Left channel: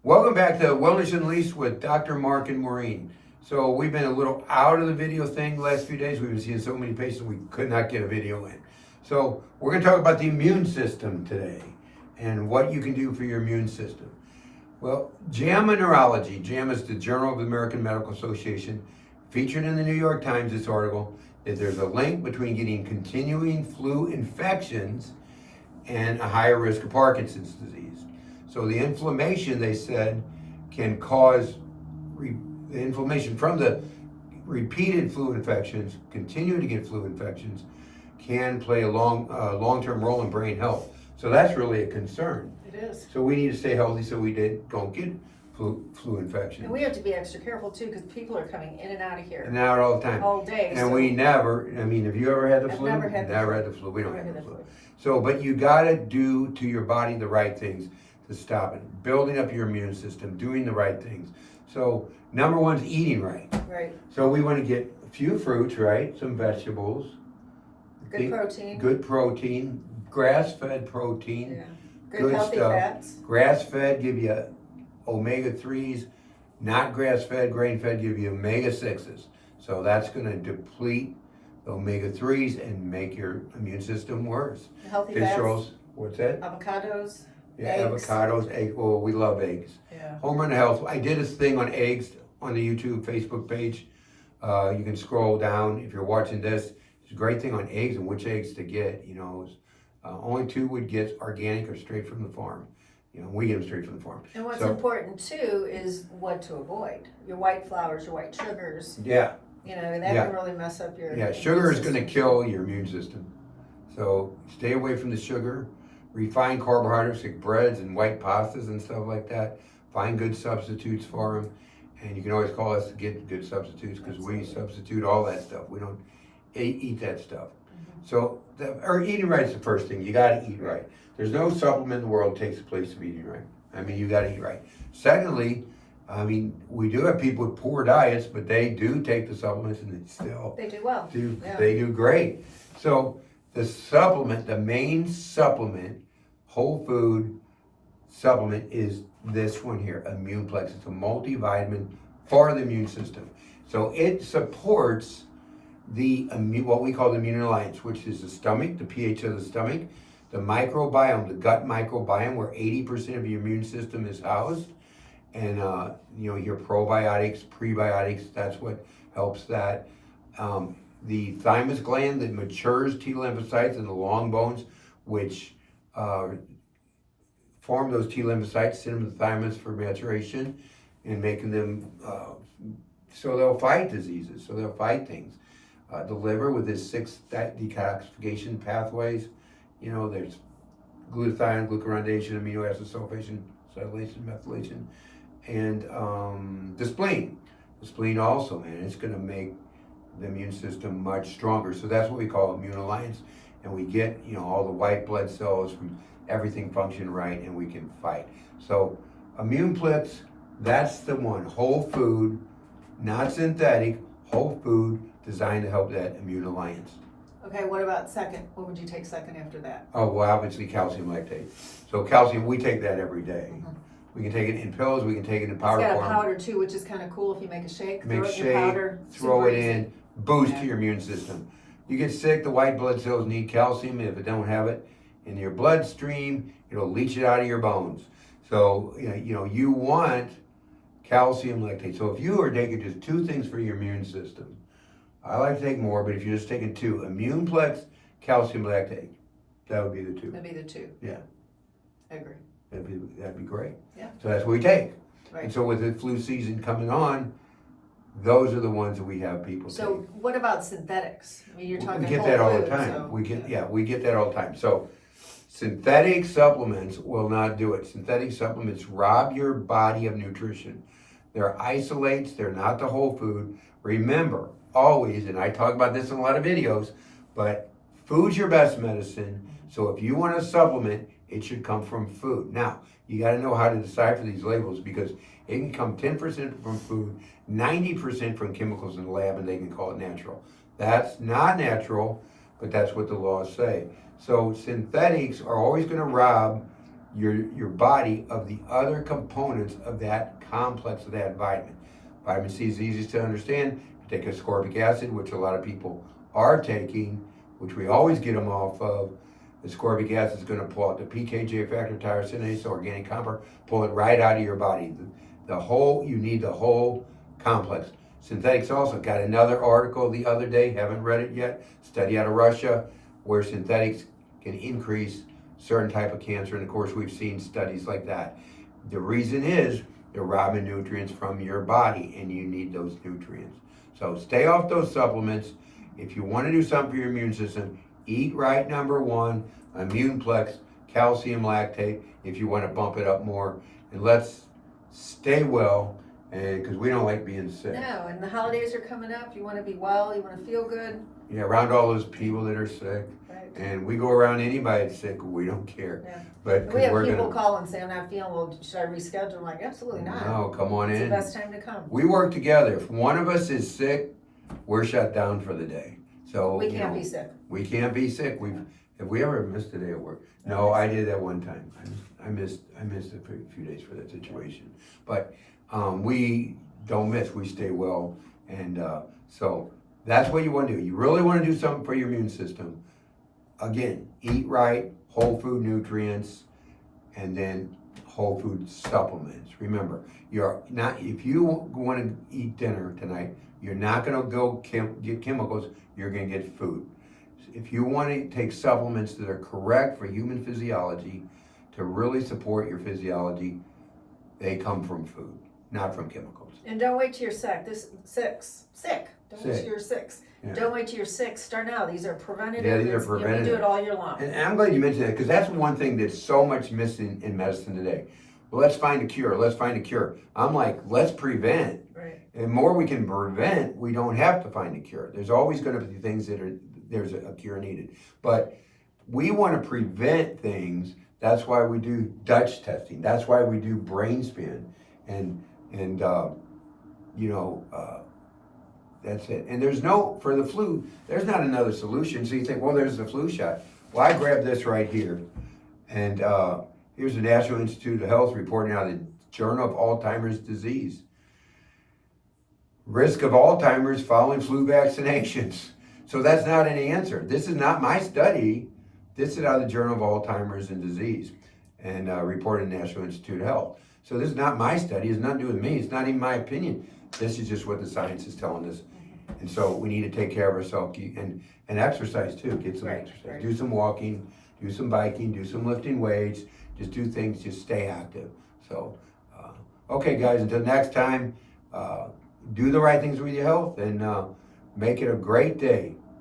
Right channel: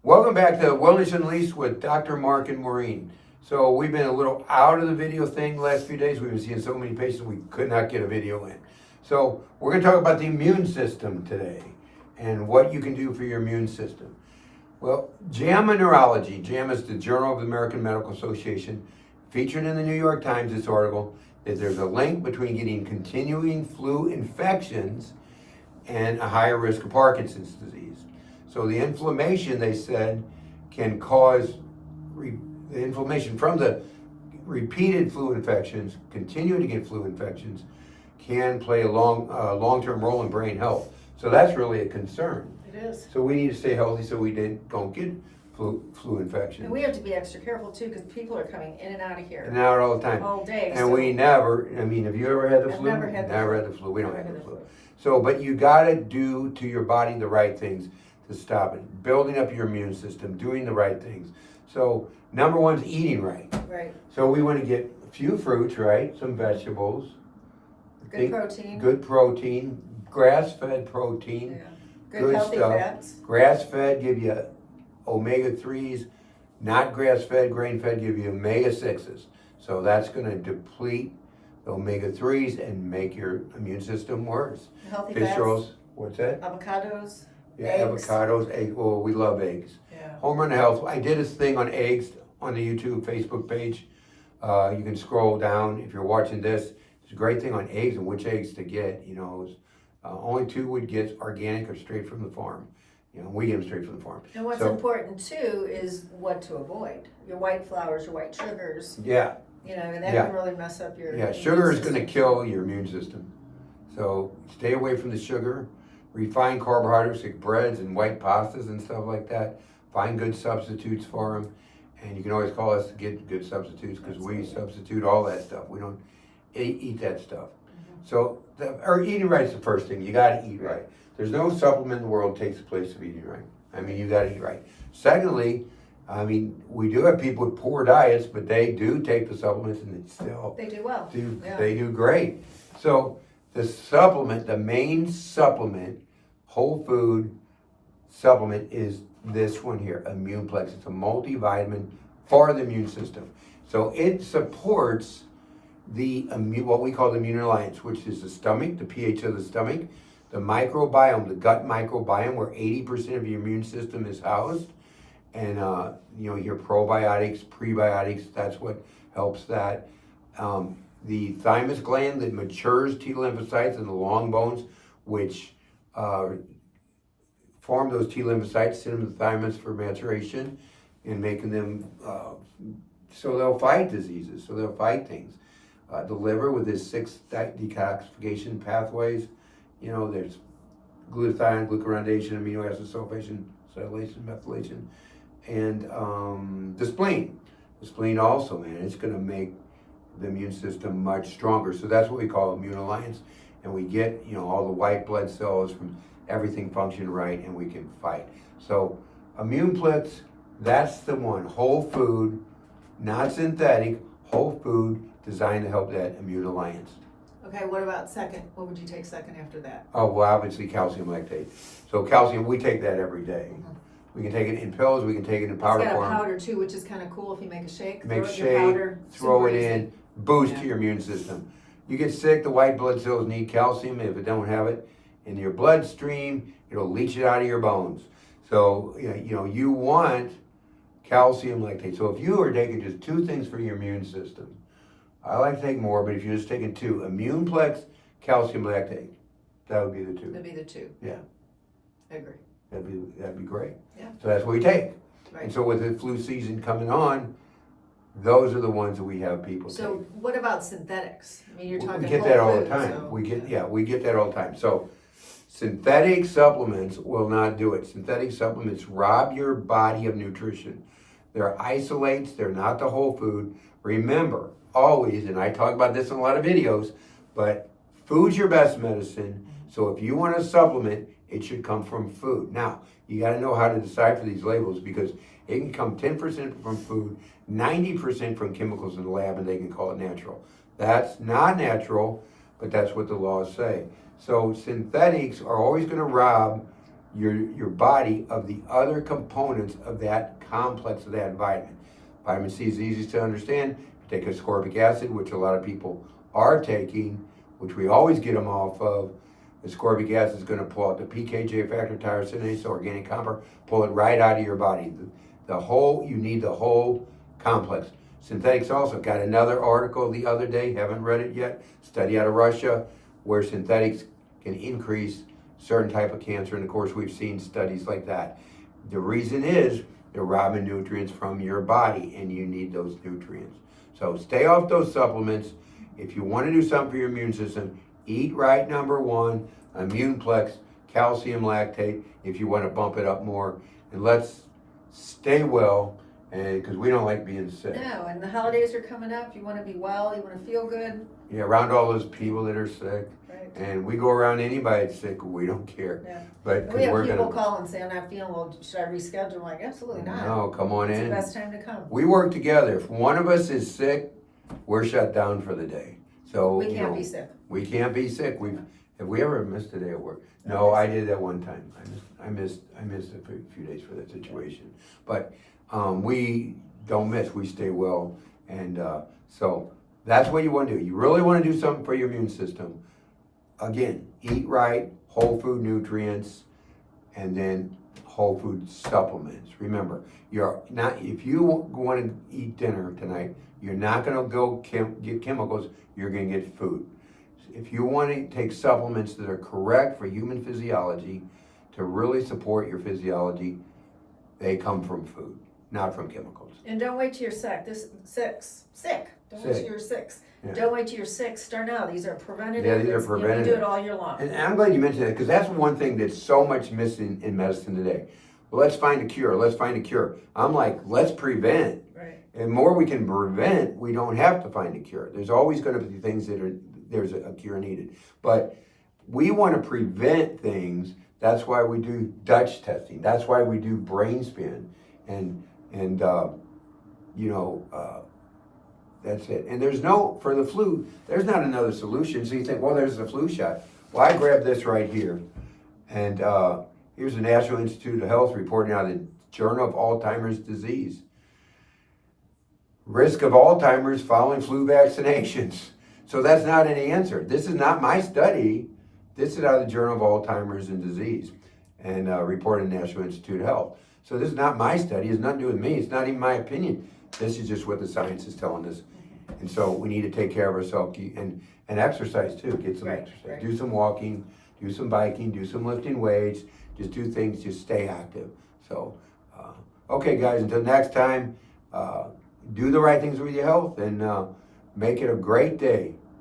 Welcome back to Wellness Unleashed with Dr. Mark and Maureen. So we've been a little out of the video thing the last few days. We've been seeing so many patients we could not get a video in. So we're going to talk about the immune system today and what you can do for your immune system. Well, JAMA Neurology, JAMA is the Journal of the American Medical Association, featured in the New York Times, this article, that there's a link between getting continuing flu infections and a higher risk of Parkinson's disease. So the inflammation, they said, can cause the inflammation from the repeated flu infections, continuing to get flu infections, can play a long-term role in brain health. So that's really a concern. It is. So we need to stay healthy so we don't get flu infections. And we have to be extra careful too, because people are coming in and out of here And out all the time. all day. And we never, have you ever had the I've flu? never had the flu. We don't Never have had the the flu. So, but you gotta do to your body the right things to stop it. Building up your immune system, doing the right things. So, number one is eating right. Right. So we wanna get a few fruits, right? Some vegetables. Good protein. Good protein, grass-fed protein. Yeah. Good healthy fats. Grass-fed give you omega-3s, not grass-fed, grain-fed give you omega-6s. So that's gonna deplete the omega-3s and make your immune system worse. Healthy Fish fats. rolls, what's that? Avocados. Yeah, eggs. avocados, egg. Well, we love eggs. Yeah. Home Run Health. I did a thing on eggs on the YouTube, Facebook page. You can scroll down if you're watching this. It's a great thing on eggs and which eggs to get. Only two would get organic or straight from the farm. We get them straight from the farm. And what's important too is what to avoid. Your white flours, your white sugars. Yeah. And that can really mess up your. Yeah, sugar is going to kill your immune system. So stay away from the sugar. Refined carbohydrates like breads and white pastas and stuff like that. Find good substitutes for them. And you can always call us to get good substitutes because we substitute all that stuff. We don't eat that stuff. Mm-hmm. So, eating right is the first thing. You got to eat right. There's no supplement in the world that takes the place of eating right. You got to eat right. Secondly, we do have people with poor diets, but they do take the supplements and they do well. They do great. So the main supplement, whole food supplement is this one here, Immuneplex. It's a multivitamin for the immune system. So it supports what we call the immune alliance, which is the stomach, the pH of the stomach, the microbiome, the gut microbiome, where 80% of your immune system is housed. And, your probiotics, prebiotics, that's what helps that. The thymus gland that matures T lymphocytes in the long bones, which form those T lymphocytes, send them to the thymus for maturation and making them so they'll fight diseases, so they'll fight things. The liver with its 6 detoxification pathways, there's glutathione, glucuronidation, amino acid sulfation, acetylation, methylation, and the spleen. The spleen also, man, it's going to make the immune system much stronger. So that's what we call immune alliance. And we get, all the white blood cells from everything function right and we can fight. So Immuneplex, that's the one. Whole food, not synthetic, whole food designed to help that immune alliance. Okay, what about second? What would you take second after that? Oh, well, obviously calcium lactate. So calcium, we take that every day. Mm-hmm. We can take it in pills, we can take it in powder form. It's form. got a powder too, which is kind of cool if you make a shake. Make throw it in shake, powder, throw it super in, easy. boost to your immune system. You get sick, the white blood cells need calcium, and if it don't have it in your bloodstream, it'll leach it out of your bones. So, you want calcium lactate. So if you are taking just 2 things for your immune system, I like to take more, but if you're just taking 2, Immuneplex, calcium lactate, that would be the 2. That'd be the 2. Yeah. I agree. That'd be great. Yeah. So that's what we take. Right. And so with the flu season coming on, those are the ones that we have people So take. what about synthetics? You're talking We get whole that all food, the time. so, We get that all the time. So synthetic supplements will not do it. Synthetic supplements rob your body of nutrition. They're isolates, they're not the whole food. Remember, always, and I talk about this in a lot of videos, but food's your best medicine. So if you want a supplement, it should come from food. Now, you got to know how to decipher these labels because it can come 10% from food, 90% from chemicals in the lab, and they can call it natural. That's not natural, but that's what the laws say. So synthetics are always going to rob your body of the other components of that complex of that vitamin. Vitamin C is easiest to understand. You take ascorbic acid, which a lot of people are taking, which we always get them off of. Ascorbic acid is going to pull out the PKJ factor, tyrosinase, organic copper, pull it right out of your body. You need the whole complex. Synthetics also got another article the other day, haven't read it yet, study out of Russia, where synthetics can increase certain type of cancer, and of course we've seen studies like that. The reason is they're robbing nutrients from your body, and you need those nutrients. So stay off those supplements. If you want to do something for your immune system, eat right, number one, Immuneplex, calcium lactate, if you want to bump it up more, and let's stay well, because we don't like being sick. No, and the holidays are coming up. You want to be well. You want to feel good. Yeah, around all those people that are sick. Right. And we go around anybody that's sick, we don't care. Yeah. But We have we're people gonna, call and say, I'm not feeling well. Should I reschedule? I'm like, absolutely not. no, come on It's the in. best time to come. We work together. If one of us is sick, we're shut down for the day. So We can't be sick. We can't be sick. Have we ever missed a day at work? No, I did that one time. I missed a few days for that situation. But we don't miss. We stay well, and so that's what you want to do. You really want to do something for your immune system. Again, eat right, whole food nutrients, and then whole food supplements. Remember, if you want to eat dinner tonight, you're not going to go get chemicals. You're going to get food. If you want to take supplements that are correct for human physiology to really support your physiology, they come from food, not from chemicals. And don't wait till you're sick. Sick. Don't wait till you're sick. Yeah. Don't wait till you're sick. Start now. These are preventative. Yeah, these are You can preventative. do it all year long. And I'm glad you mentioned that, because that's one thing that's so much missing in medicine today. Well, let's find a cure. Let's find a cure. I'm like, let's prevent. Right. And more we can prevent, we don't have to find a cure. There's always going to be things there's a cure needed. But we want to prevent things. That's why we do Dutch testing. That's why we do brain spin. And that's it. And for the flu, there's not another solution. So you think, well, there's the flu shot. Well, I grabbed this right here. And here's the National Institute of Health reporting out of the Journal of Alzheimer's Disease. Risk of Alzheimer's following flu vaccinations. So that's not an answer. This is not my study. This is out of the Journal of Alzheimer's and Disease and reported in the National Institute of Health. So this is not my study. It's nothing to do with me. It's not even my opinion. This is just what the science is telling us. And so we need to take care of ourselves and exercise too. Get some exercise. Right. Do some walking, do some biking, do some lifting weights. Just do things, just stay active. So, okay guys, until next time, do the right things with your health and make it a great day.